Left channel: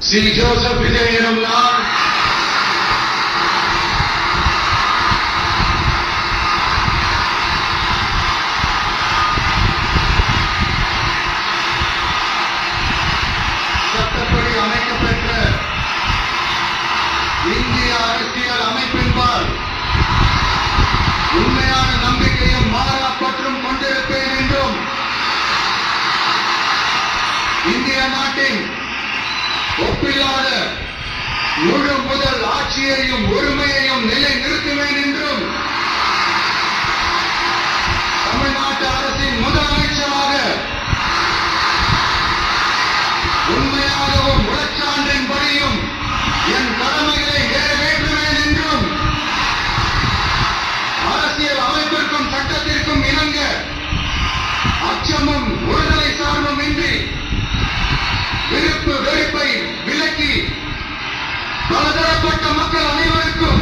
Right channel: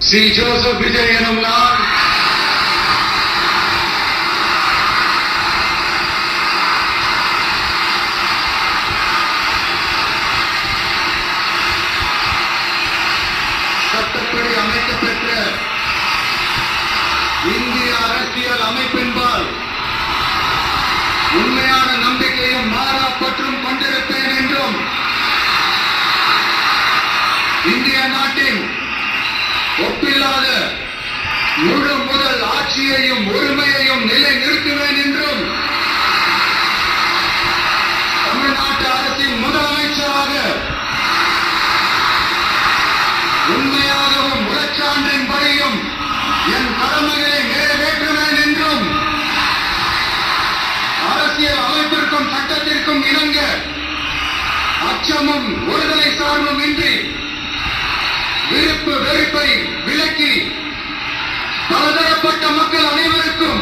C. Joseph Vijay எனும் நான் சட்டப்படி அமைக்கப்பெற்ற இந்திய அரசியல் அமைப்பின்பால் உண்மையான நம்பிக்கையும் மாறா பற்றும் கொண்டிருப்பேன் என்றும் இந்திய நாட்டின் ஒப்பில்லாத முழு முதல் ஆட்சியையும் உரிமையையும் நிலைநிறுத்துவேன் என்றும் தமிழ்நாட்டு அரசின் முதலமைச்சராக உண்மையாகவும் உளச்சான்றின்படியும் என் கடமைகளை நிறைவேற்றுவேன் என்றும் அரசியல் அமைப்பிற்கும் சட்டத்திற்கும் இணங்க அச்சமும் ஒருதலை சார்பும் இன்றி விருப்பு வெறுப்பை விலக்கி பலதரப்பட்ட மக்கள் அனைவருக்கும்